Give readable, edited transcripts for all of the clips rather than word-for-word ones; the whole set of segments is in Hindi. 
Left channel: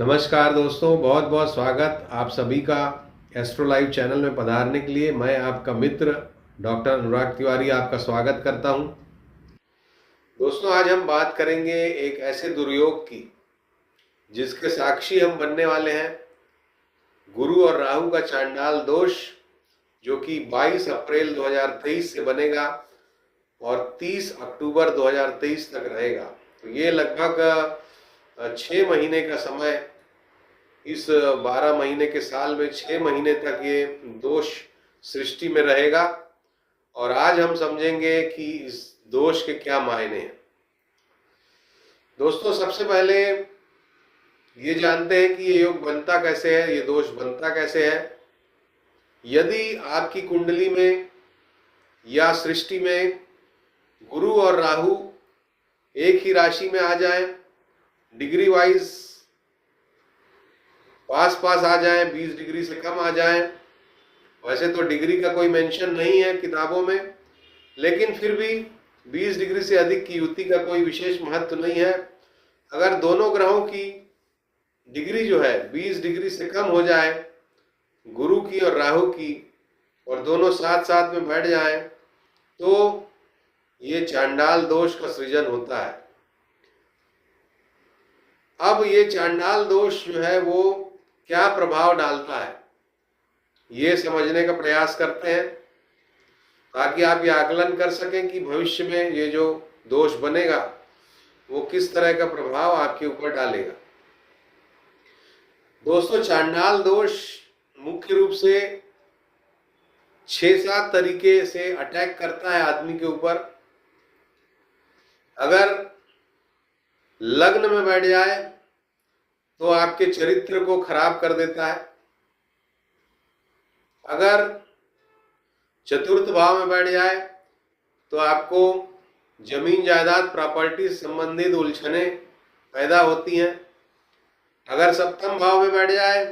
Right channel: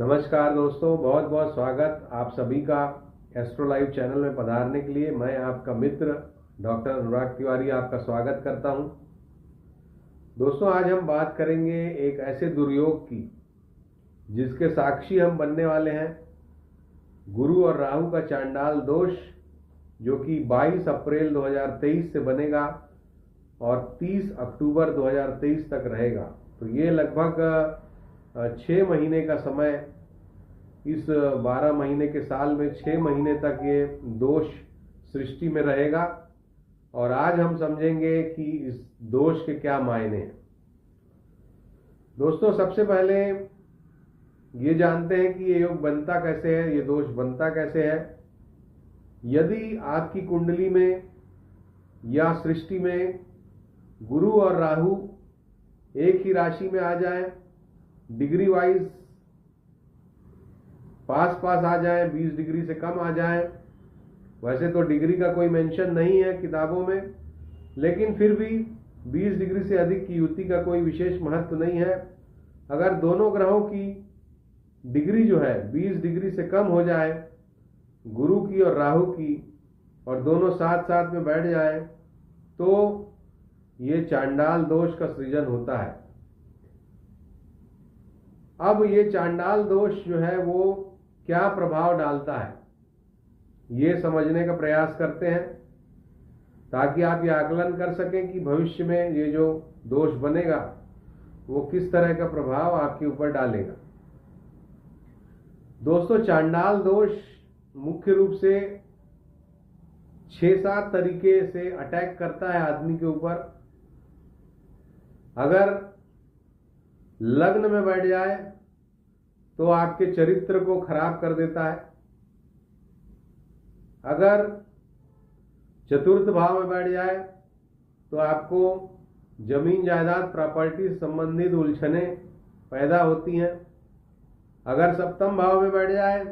नमस्कार दोस्तों, बहुत बहुत स्वागत आप सभी का एस्ट्रो लाइव चैनल में पधारने के लिए। मैं आपका मित्र डॉक्टर अनुराग तिवारी आपका स्वागत करता हूं। दोस्तों, आज हम बात करेंगे एक ऐसे दुर्योग की जिसके साक्षी हम बनने वाले हैं। गुरु और राहु का चांडाल दोष, जो कि 22 अप्रैल 2023 से बनेगा और 30 अक्टूबर 2023 तक रहेगा। तो ये लगभग 6 महीने का समय, इस 12 महीने के साल में 6 महीने तक ये दोष सृष्टि में रहेगा। और आज हम समझेंगे कि इस दोष के क्या मायने हैं। दोस्तों, सबसे पहले ये जानते हैं कि ये योग बनता कैसे है, ये दोष बनता कैसे है। यदि आपकी कुंडली में या सृष्टि में गुरु और राहु एक ही राशि में आ जाए, डिग्री वाइज पास आ जाए, 20 डिग्री से कम आ जाए। वैसे तो डिग्री का कोई मेंशन नहीं है किताबों में, लेकिन फिर भी 20 डिग्री से अधिक की युति का कोई विशेष महत्व नहीं है। अगर दोनों ग्रहों की डिग्री जो है 20 डिग्री से कम हो जाए, गुरु की और राहु की, और दोनों साथ साथ में बैठ जाए, तो ये चांडाल दोष का सृजन होता है। अब ये चांडाल दोष जो है वो क्या प्रभाव डालता है, ये समझने का प्रयास करते हैं, ताकि आप ये आकलन कर सकें कि भविष्य में ये जो दोष बनेगा वो किस तरह का प्रभाव आपके ऊपर डालेगा। दोस्तों, चांडाल दोष मुख्य रूप से 6-7 तरीके से अटैक करता है आदमी के ऊपर। अगर लग्न में बैठ जाए तो आपके चरित्र को खराब कर देता है। अगर चतुर्थ भाव में बैठ जाए तो आपको जमीन जायदाद प्रॉपर्टी संबंधित उलझने पैदा होती हैं। अगर सप्तम भाव में बैठ जाए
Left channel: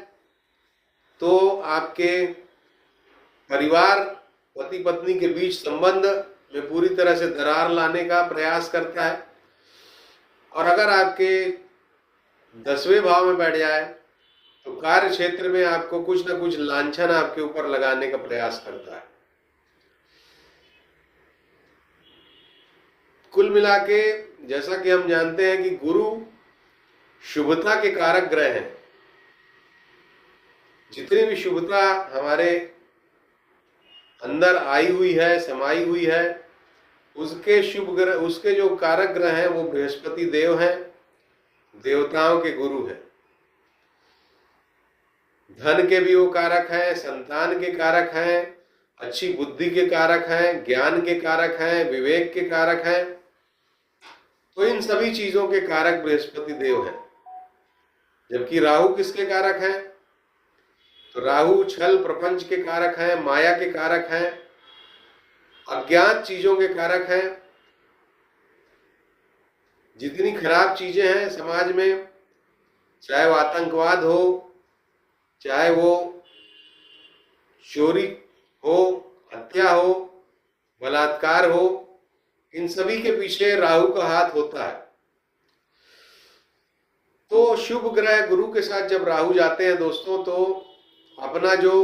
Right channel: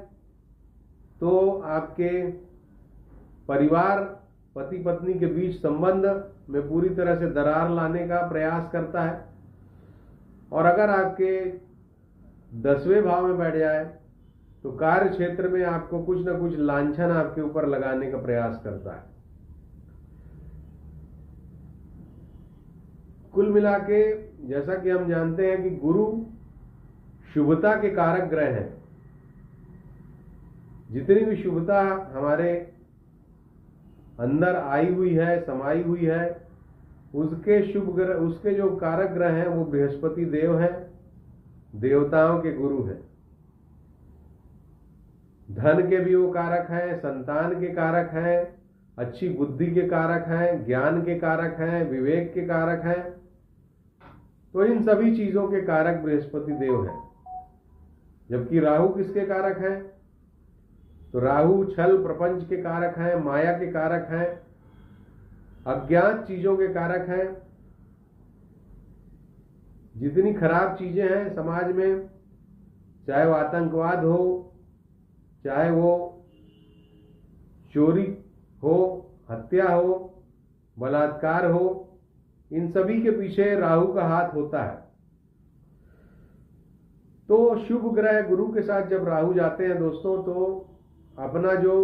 तो आपके परिवार, पति पत्नी के बीच संबंध में पूरी तरह से दरार लाने का प्रयास करता है। और अगर आपके 10वें भाव में बैठ जाए तो कार्य क्षेत्र में आपको कुछ न कुछ लांछन आपके ऊपर लगाने का प्रयास करता है। कुल मिला के जैसा कि हम जानते हैं कि गुरु शुभता के कारक ग्रह हैं। जितनी भी शुभता हमारे अंदर आई हुई है, समाई हुई है, उसके शुभ ग्रह, उसके जो कारक ग्रह हैं वो बृहस्पति देव हैं, देवताओं के गुरु हैं। धन के भी वो कारक हैं, संतान के कारक हैं, अच्छी बुद्धि के कारक हैं, ज्ञान के कारक हैं, विवेक के कारक हैं। तो इन सभी चीजों के कारक बृहस्पति देव हैं। जबकि राहु किसके कारक हैं? तो राहु छल प्रपंच के कारक हैं, माया के कारक हैं, अज्ञात चीजों के कारक हैं। जितनी खराब चीजें हैं समाज में, चाहे वो आतंकवाद हो, चाहे वो चोरी हो, हत्या हो, बलात्कार हो, इन सभी के पीछे राहु का हाथ होता है। तो शुभ ग्रह गुरु के साथ जब राहु जाते हैं दोस्तों, तो अपना जो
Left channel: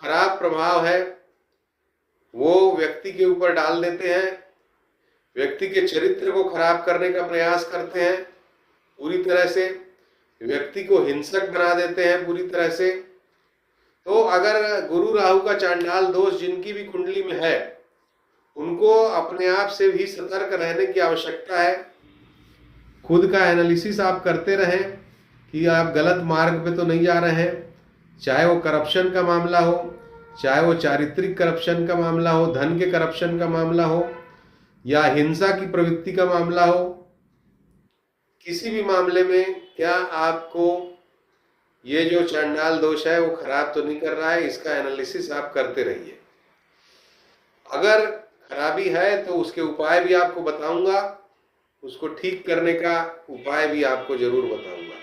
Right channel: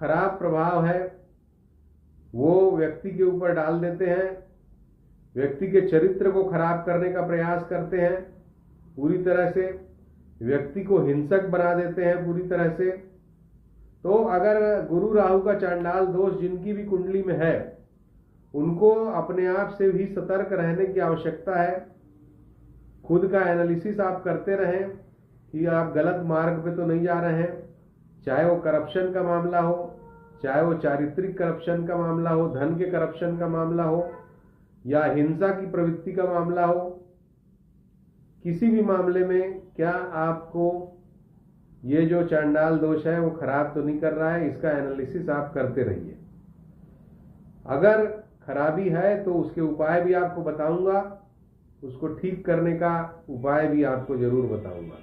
खराब प्रभाव है वो व्यक्ति के ऊपर डाल देते हैं, व्यक्ति के चरित्र को खराब करने का प्रयास करते हैं पूरी तरह से, व्यक्ति को हिंसक बना देते हैं पूरी तरह से। तो अगर गुरु राहु का चांडाल दोष जिनकी भी कुंडली में है, उनको अपने आप से भी सतर्क रहने की आवश्यकता है। खुद का एनालिसिस आप करते रहें कि आप गलत मार्ग पे तो नहीं जा रहे हैं। चाहे वो करप्शन का मामला हो, चाहे वो चारित्रिक करप्शन का मामला हो, धन के करप्शन का मामला हो, या हिंसा की प्रवृत्ति का मामला हो, किसी भी मामले में क्या आपको ये जो चांडाल दोष है वो खराब तो नहीं कर रहा है, इसका एनालिसिस आप करते रहिए। अगर खराबी है तो उसके उपाय भी आपको बताऊंगा, उसको ठीक करने का उपाय भी आपको जरूर बताऊंगा।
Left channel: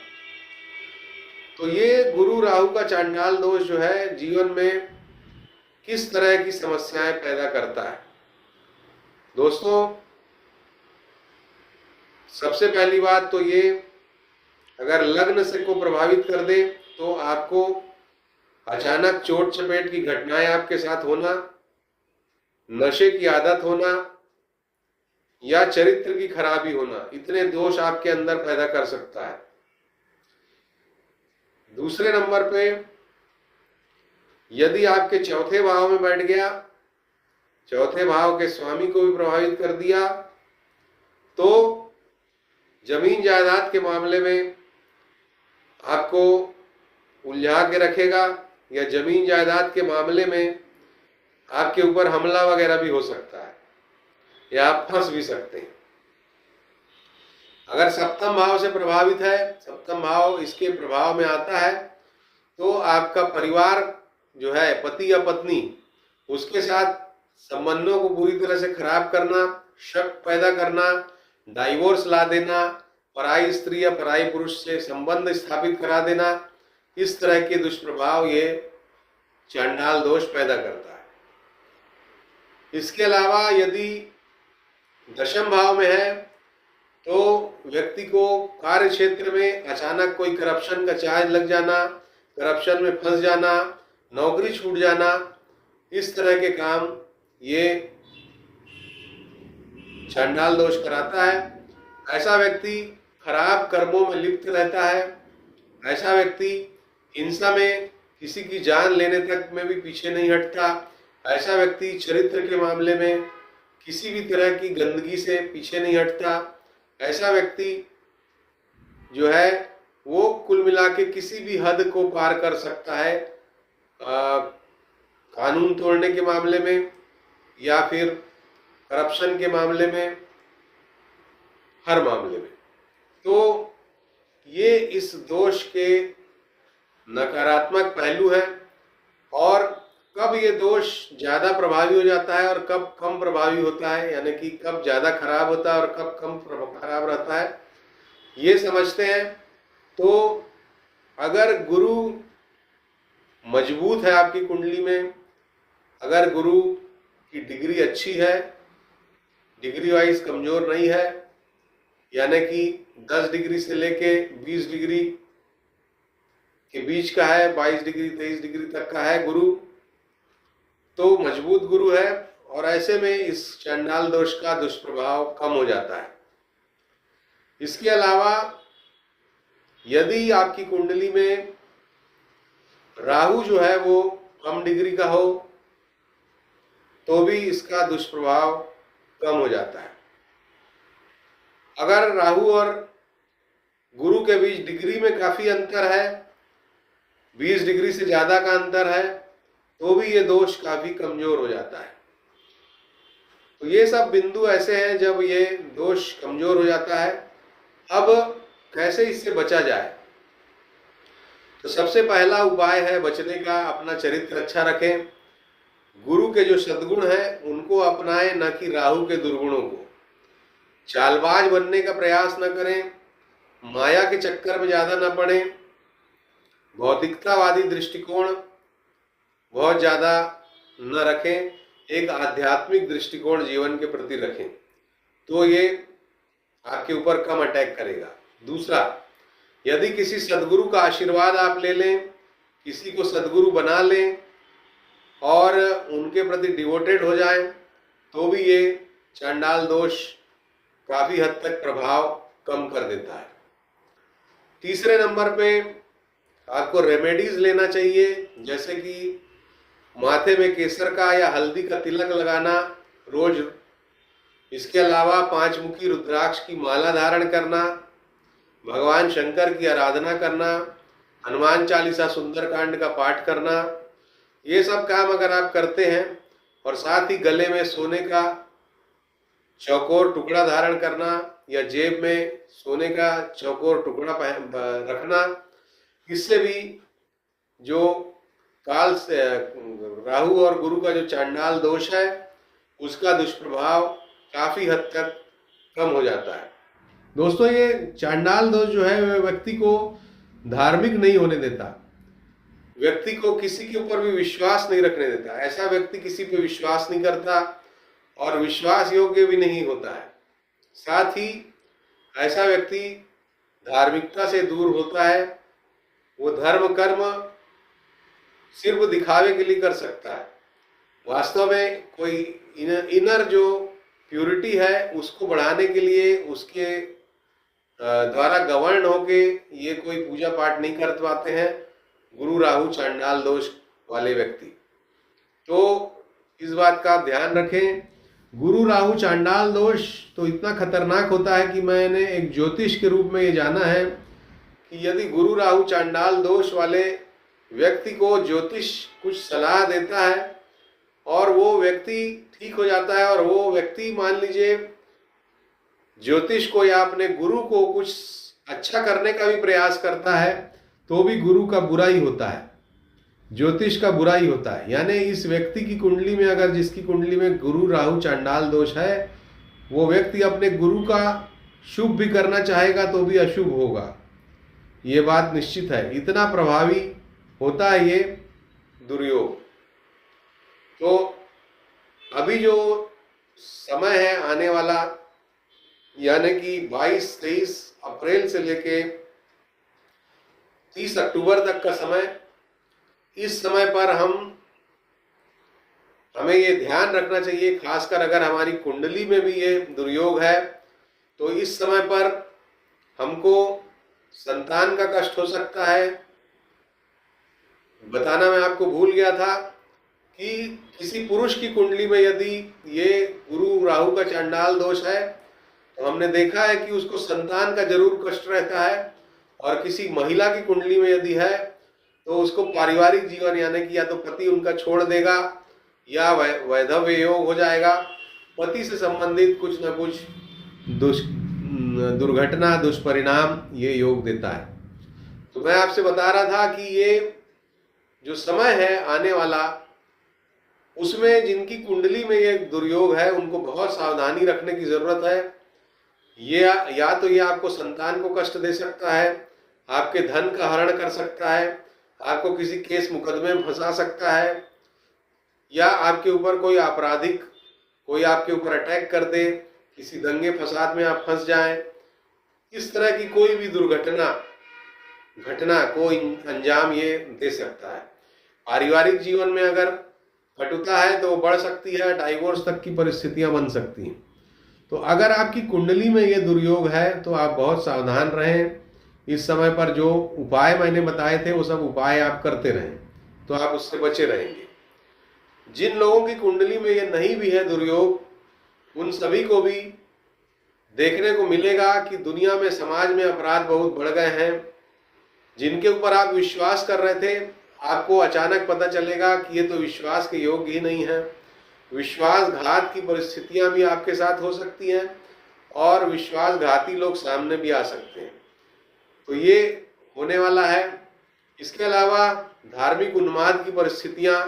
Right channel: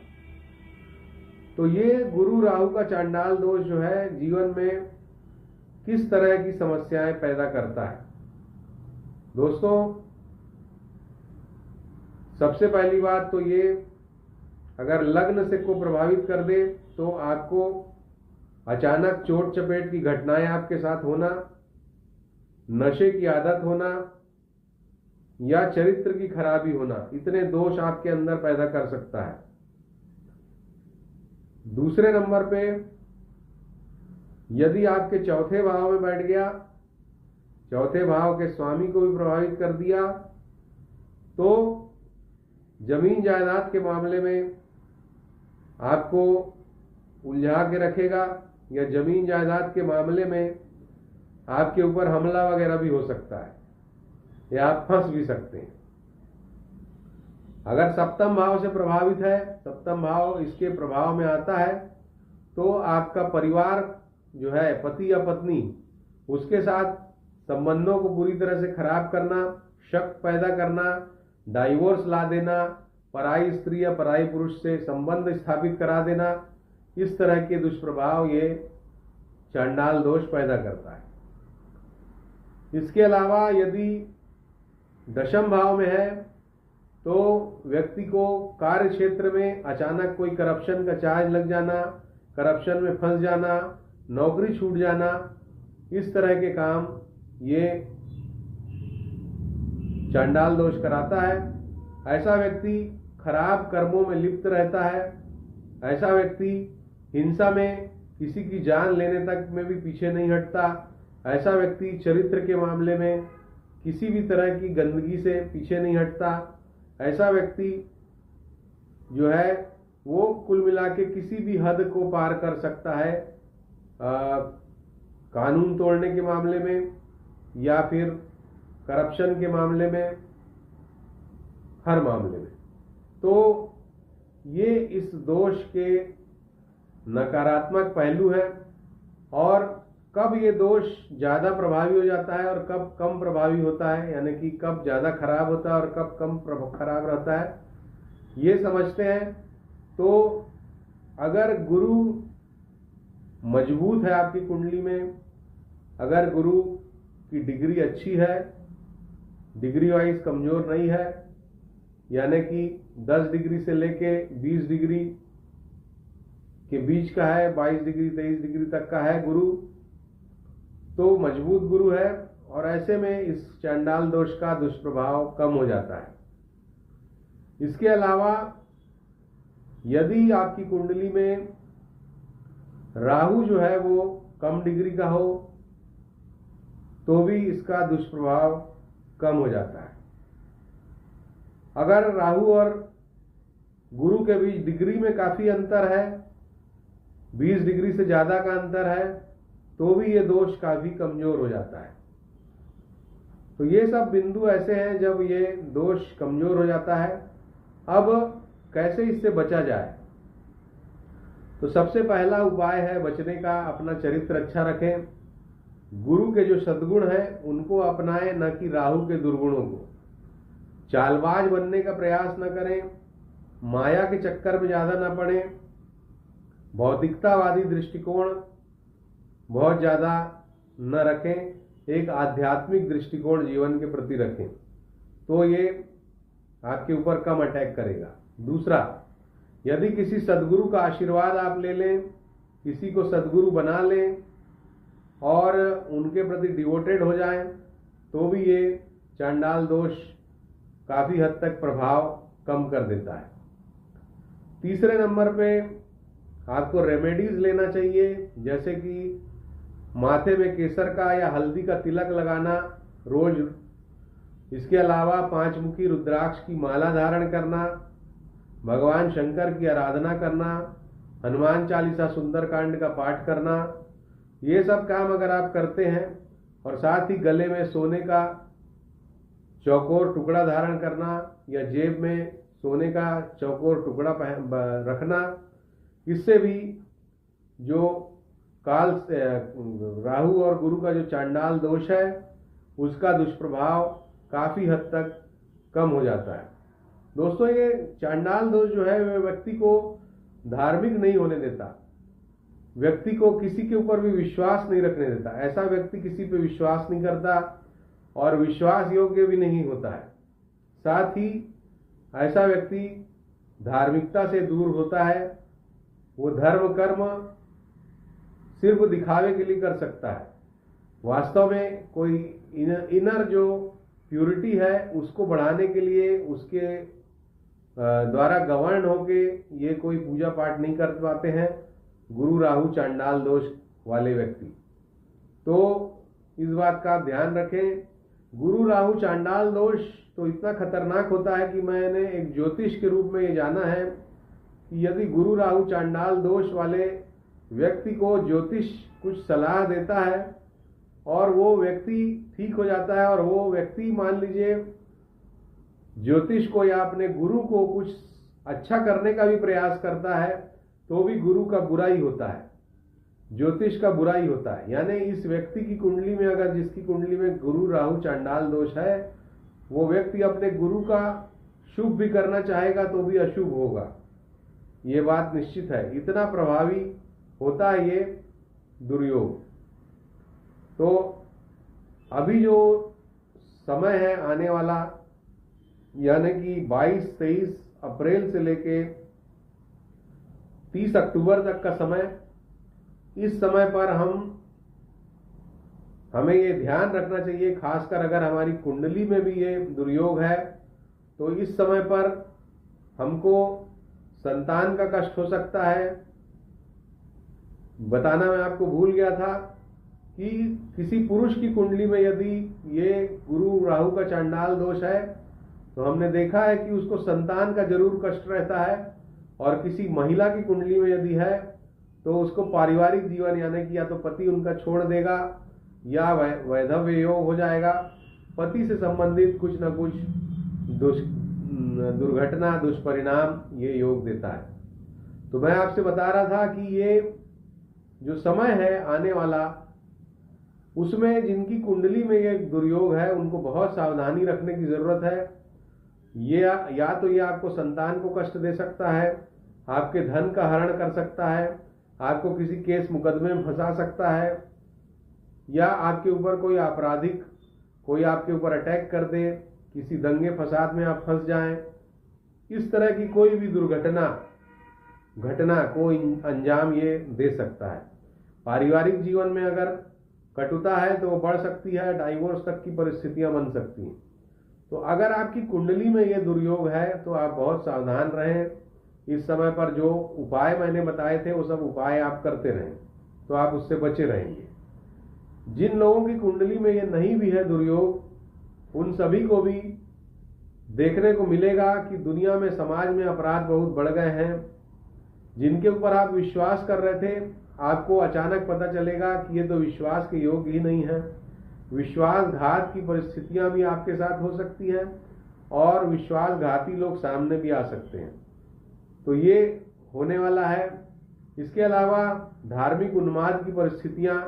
तो ये गुरु राहु का चांडाल दोष जो है जीवन में किस तरह की समस्याएं पैदा करता है। दोस्तों, सबसे पहली बात तो ये अगर लग्न से को प्रभावित कर दे तो आपको अचानक चोट चपेट की घटनाएं आपके साथ होना, नशे की आदत होना या चरित्र की खराबी होना, इतने दोष आपके अंदर पैदा कर सकता है। दूसरे नंबर पे यदि आपके चौथे भाव में बैठ गया, चौथे भाव के स्वामी को भी प्रभावित कर दिया, तो जमीन जायदाद के मामले में आपको उलझा के रखेगा या जमीन जायदाद के मामले में आपके ऊपर हमला वगैरह भी हो सकता है या आप फंस भी सकते हैं। अगर सप्तम भाव से प्रभावित है, सप्तम भाव इसके प्रभाव में आता है, तो आपका परिवार जो है, पति या पत्नी, उसके साथ संबंधों को पूरी तरह से खराब करना, शक पैदा करना, डाइवोर्स ला देना, पराई स्त्री या पराई पुरुष से संबंध स्थापित करा देना, इस तरह के दुष्प्रभाव ये चांडाल दोष पैदा करता है। इसके अलावा यदि दशम भाव में है तो व्यक्ति को कार्य क्षेत्र में अचानक कोई करप्शन का चार्ज लग जाना, करप्शन में फंस जाना, नौकरी छूट जाना, इस तरह के काम ये चांडाल दोष कराता है। ऐसा व्यक्ति खराब कर्मों में लिप्त रहता है, ऐसा व्यक्ति हिंसा में किसी की जान लेने तक में भी पीछे नहीं हटता, ऐसा व्यक्ति चरित्र के मामले में किसी भी तरह की गंदगी से पीछे नहीं हटता, ऐसा व्यक्ति जो है वो कुल मिला के किसी भी हद को पार कर सकता है, कानून तोड़ने के मामले में या फिर करप्शन के मामले में, हर मामले में। तो ये इस दोष के नकारात्मक पहलू है। और कब ये दोष ज़्यादा प्रभावी हो जाता है और कब कम प्रभावी होता है, यानी कि कब ज़्यादा खराब होता है और कब कम खराब रहता है, ये समझते हैं। तो अगर गुरु मजबूत है आपकी कुंडली में, अगर गुरु की डिग्री अच्छी है, डिग्री वाइज कमज़ोर नहीं है, यानी कि 10 डिग्री से लेके 20 डिग्री के बीच का है, 22 डिग्री 23 डिग्री तक का है गुरु, तो मजबूत गुरु है, और ऐसे में इस चांडाल दोष का दुष्प्रभाव कम हो जाता है। इसके अलावा यदि आपकी कुंडली में राहु जो है वो कम डिग्री का हो तो भी इसका दुष्प्रभाव कम हो जाता है। अगर राहु और गुरु के बीच डिग्री में काफ़ी अंतर है, 20 डिग्री से ज़्यादा का अंतर है, तो भी ये दोष काफ़ी कमज़ोर हो जाता है। तो ये सब बिंदु ऐसे हैं जब ये दोष कमज़ोर हो जाता है। अब कैसे इससे बचा जाए? तो सबसे पहला उपाय है बचने का, अपना चरित्र अच्छा रखें, गुरु के जो सद्गुण हैं उनको अपनाएं, न कि राहु के दुर्गुणों को। चालबाज बनने का प्रयास न करें, माया के चक्कर में ज़्यादा न पड़ें, भौतिकतावादी दृष्टिकोण बहुत ज़्यादा न रखें, एक आध्यात्मिक दृष्टिकोण जीवन के प्रति रखें, तो ये आपके ऊपर कम अटैक करेगा। दूसरा, यदि किसी सद्गुरु का आशीर्वाद आप ले लें, किसी को सद्गुरु बना लें और उनके प्रति डिवोटेड हो जाएं, तो भी ये चांडाल दोष काफ़ी हद तक प्रभाव कम कर देता है। तीसरे नंबर पे आपको रेमेडीज़ लेना चाहिए, जैसे कि माथे में केसर का या हल्दी का तिलक लगाना रोज। इसके अलावा 5 मुखी रुद्राक्ष की माला धारण करना, भगवान शंकर की आराधना करना, हनुमान चालीसा सुंदरकांड का पाठ करना, ये सब काम अगर आप करते हैं और साथ ही गले में सोने का चौकोर टुकड़ा धारण करना या जेब में सोने का चौकोर टुकड़ा रखना, इससे भी जो काल से राहु और गुरु का जो चांडाल दोष है उसका दुष्प्रभाव काफ़ी हद तक कम हो जाता है। दोस्तों, ये चांडाल दोष जो है वह व्यक्ति को धार्मिक नहीं होने देता, व्यक्ति को किसी के ऊपर भी विश्वास नहीं रखने देता। ऐसा व्यक्ति किसी पे विश्वास नहीं करता और विश्वास योग्य भी नहीं होता है। साथ ही ऐसा व्यक्ति धार्मिकता से दूर होता है, वो धर्म कर्म सिर्फ दिखावे के लिए कर सकता है। वास्तव में कोई इनर जो प्यूरिटी है उसको बढ़ाने के लिए उसके द्वारा गवर्न होके ये कोई पूजा पाठ नहीं कर पाते हैं गुरु राहु चांडाल दोष वाले व्यक्ति। तो इस बात का ध्यान रखें। गुरु राहु चांडाल दोष तो इतना खतरनाक होता है कि मैंने एक ज्योतिष के रूप में ये जाना है कि यदि गुरु राहु चांडाल दोष वाले व्यक्ति को ज्योतिष कुछ सलाह देता है और वो व्यक्ति ठीक हो जाता है, और वो व्यक्ति मान लीजिए ज्योतिष को या अपने गुरु को कुछ अच्छा करने का भी प्रयास करता है, तो भी गुरु का बुरा ही होता है, ज्योतिष का बुरा ही होता है। यानी इस व्यक्ति की कुंडली में, अगर जिसकी कुंडली में गुरु राहु चांडाल दोष है, वो व्यक्ति अपने गुरु का शुभ भी करना चाहेगा तो भी अशुभ होगा, ये बात निश्चित है। इतना प्रभावी होता है ये दुर्योग। तो अभी जो समय है आने वाला, यानी कि 22-23 अप्रैल से लेके 30 अक्टूबर तक का समय, इस समय पर हमें ये ध्यान रखना चाहिए, खासकर अगर हमारी कुंडली में भी ये दुर्योग है तो इस समय पर हमको संतान का कष्ट हो सकता है। बताना मैं आपको भूल गया था कि किसी पुरुष की कुंडली में यदि ये गुरु राहु का चांडाल दोष है तो हमने देखा है कि उसको संतान का जरूर कष्ट रहता है, और किसी महिला की कुंडली में यदि है तो उसको पारिवारिक जीवन, यानी कि या तो पति उनका छोड़ देगा या वैधव्य योग हो जाएगा, पति से संबंधित कुछ न कुछ दुर्घटना दुष्परिणाम ये योग देता है। तो मैं आपसे बता रहा था कि ये जो समय है आने वाला, उसमें जिनकी कुंडली में ये दुर्योग है उनको बहुत सावधानी रखने की ज़रूरत है। ये या तो ये आपको संतान को कष्ट दे सकता है, आपके धन का हरण कर सकता है, आपको किसी केस मुकदमे में फंसा सकता है, या आपके ऊपर कोई आपराधिक कोई आपके ऊपर अटैक कर दे, किसी दंगे फसाद में आप फंस जाएं। इस तरह की कोई भी घटना को अंजाम ये दे सकता है। पारिवारिक जीवन में अगर कटुता है तो वो बढ़ सकती है, डाइवोर्स तक की परिस्थितियां बन सकती हैं। तो अगर आपकी कुंडली में ये दुर्योग है तो आप बहुत सावधान रहें। इस समय पर जो उपाय मैंने बताए थे वो सब उपाय आप करते रहें तो आप उससे बचे रहेंगे। जिन लोगों की कुंडली में ये नहीं भी है दुर्योग, उन सभी को भी देखने को मिलेगा कि दुनिया में, समाज में अपराध बहुत बढ़ गए हैं। जिनके ऊपर आप विश्वास कर रहे थे, आपको अचानक पता चलेगा कि ये तो विश्वास के योग्य ही नहीं है। विश्वासघात की परिस्थितियां भी आपके साथ हो सकती हैं और विश्वासघाती लोग सामने भी आ सकते हैं। तो ये होने वाला है। इसके अलावा धार्मिक उन्माद की परिस्थितियां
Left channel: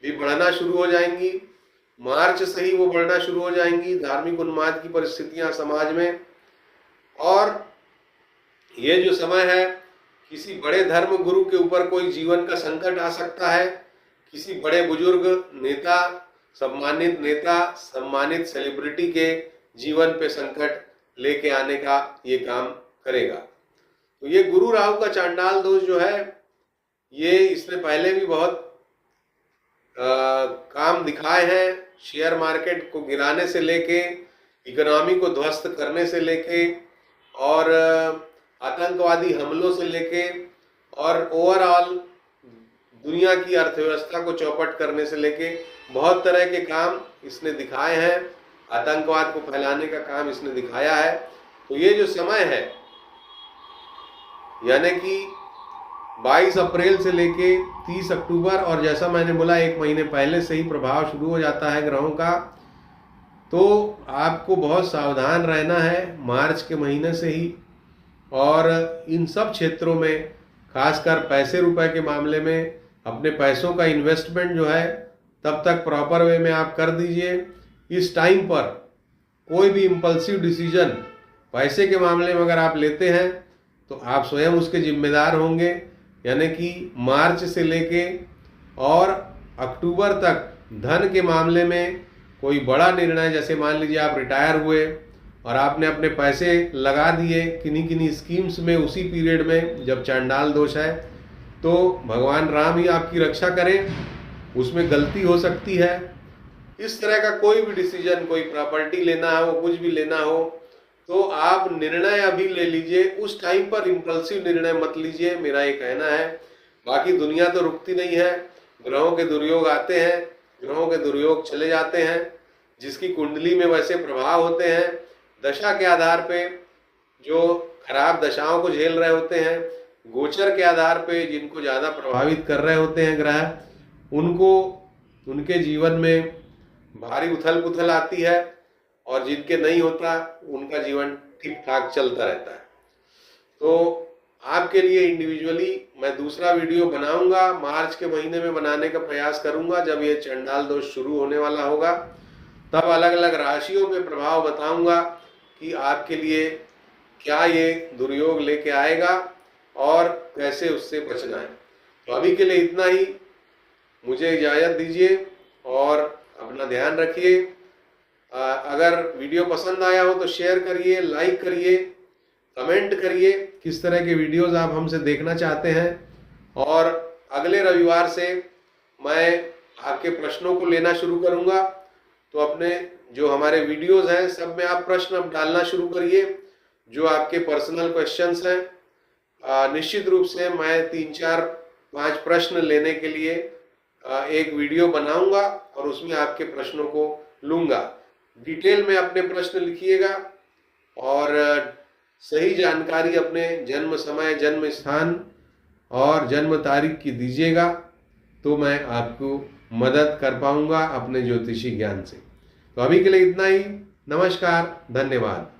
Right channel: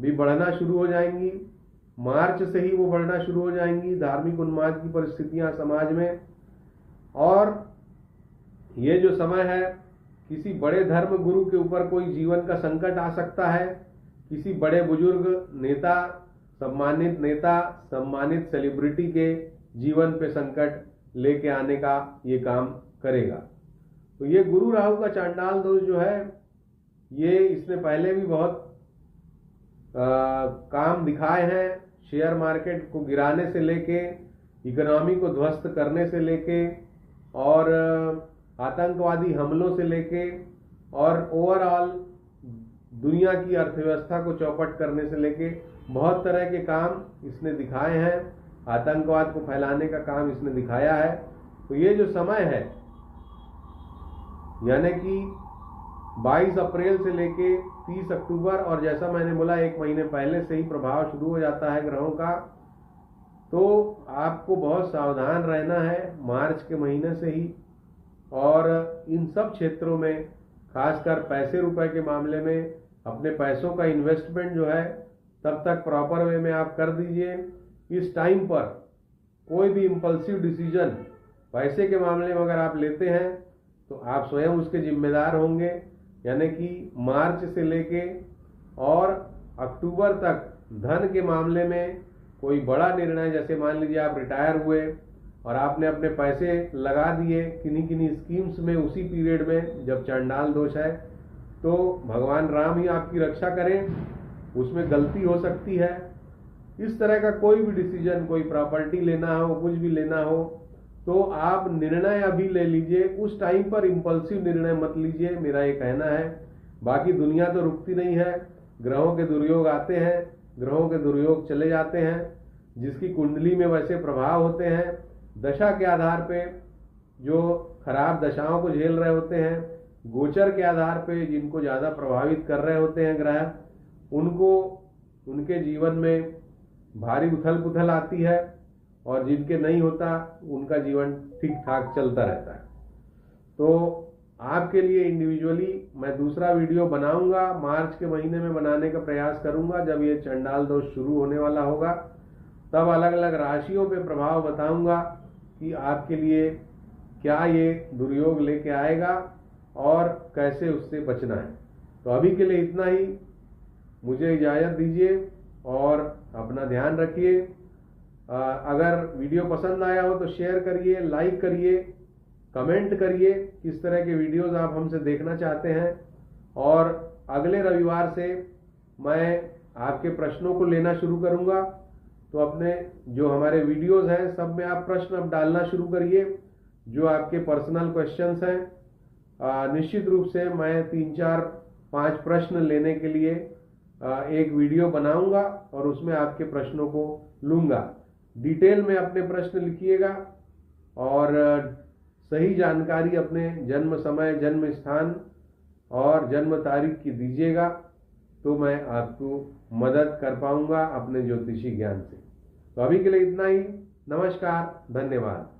भी बढ़ना शुरू हो जाएंगी। मार्च से ही वो बढ़ना शुरू हो जाएंगी, धार्मिक उन्माद की परिस्थितियां समाज में। और ये जो समय है, किसी बड़े धर्म गुरु के ऊपर कोई जीवन का संकट आ सकता है। किसी बड़े बुजुर्ग नेता, सम्मानित सेलिब्रिटी के जीवन पे संकट लेके आने का ये काम करेगा। तो ये गुरु राहु का चांडाल दोष जो है, ये इसने पहले भी बहुत काम दिखाए हैं। शेयर मार्केट को गिराने से लेके, इकोनॉमी को ध्वस्त करने से लेके, और आतंकवादी हमलों से लेके, और ओवरऑल दुनिया की अर्थव्यवस्था को चौपट करने से लेके बहुत तरह के काम इसने दिखाए हैं। आतंकवाद को फैलाने का काम इसने दिखाया है। तो ये जो समय है, यानी कि 22 अप्रैल से लेके 30 अक्टूबर, और जैसा मैंने बोला 1 महीने पहले से ही प्रभाव शुरू हो जाता है ग्रहों का, तो आपको बहुत सावधान रहना है मार्च के महीने से ही। और इन सब क्षेत्रों में, खासकर पैसे रुपए के मामले में, अपने पैसों का इन्वेस्टमेंट जो है तब तक प्रॉपर वे में आप कर दीजिए। इस टाइम पर कोई भी इम्पल्सिव डिसीजन पैसे के मामले में अगर आप लेते हैं तो आप स्वयं उसके जिम्मेदार होंगे। यानी कि मार्च से लेके और अक्टूबर तक धन के मामले में कोई बड़ा निर्णय, जैसे मान लीजिए आप रिटायर हुए और आपने अपने पैसे लगा दिए किन्हीं किन्हीं स्कीम्स में उसी पीरियड में जब चांडाल दोष है, तो भगवान राम ही आपकी रक्षा करें, उसमें गलती हो सकती है। इस तरह का कोई भी डिसीजन, कोई प्रॉपर्टी लेना हो, कुछ भी लेना हो, तो आप निर्णय अभी ले लीजिए, उस टाइम पर इम्पल्सिव निर्णय मत लीजिए, मेरा ये कहना है। बाकी दुनिया तो रुकती नहीं है, ग्रहों के दुर्योग आते हैं, ग्रहों के दुर्योग चले जाते हैं, जिसकी कुंडली में वैसे प्रभाव होते हैं, दशा के आधार पे जो खराब दशाओं को झेल रहे होते हैं, गोचर के आधार पे जिनको ज़्यादा प्रभावित कर रहे होते हैं ग्रह, उनको उनके जीवन में भारी उथल पुथल आती है, और जिनके नहीं होता उनका जीवन ठीक ठाक चलता रहता है। तो आपके लिए इंडिविजुअली मैं दूसरा वीडियो बनाऊंगा, मार्च के महीने में बनाने का प्रयास करूंगा, जब ये चंडाल दोष शुरू होने वाला होगा, तब अलग अलग राशियों पे प्रभाव बताऊंगा कि आपके लिए क्या ये दुर्योग लेके आएगा और कैसे उससे बचना है। तो अभी के लिए इतना ही, मुझे इजाज़त दीजिए और अपना ध्यान रखिए। अगर वीडियो पसंद आया हो तो शेयर करिए, लाइक करिए, कमेंट करिए किस तरह के वीडियोस आप हमसे देखना चाहते हैं। और अगले रविवार से मैं आपके प्रश्नों को लेना शुरू करूंगा, तो अपने जो हमारे वीडियोस हैं सब में आप प्रश्न अब डालना शुरू करिए, जो आपके पर्सनल क्वेश्चंस हैं। निश्चित रूप से मैं 3, 4, 5 प्रश्न लेने के लिए एक वीडियो बनाऊंगा और उसमें आपके प्रश्नों को लूँगा। डिटेल में अपने प्रश्न लिखिएगा और सही जानकारी अपने जन्म समय, जन्म स्थान और जन्म तारीख की दीजिएगा, तो मैं आपको मदद कर पाऊंगा अपने ज्योतिषी ज्ञान से। तो अभी के लिए इतना ही। नमस्कार, धन्यवाद।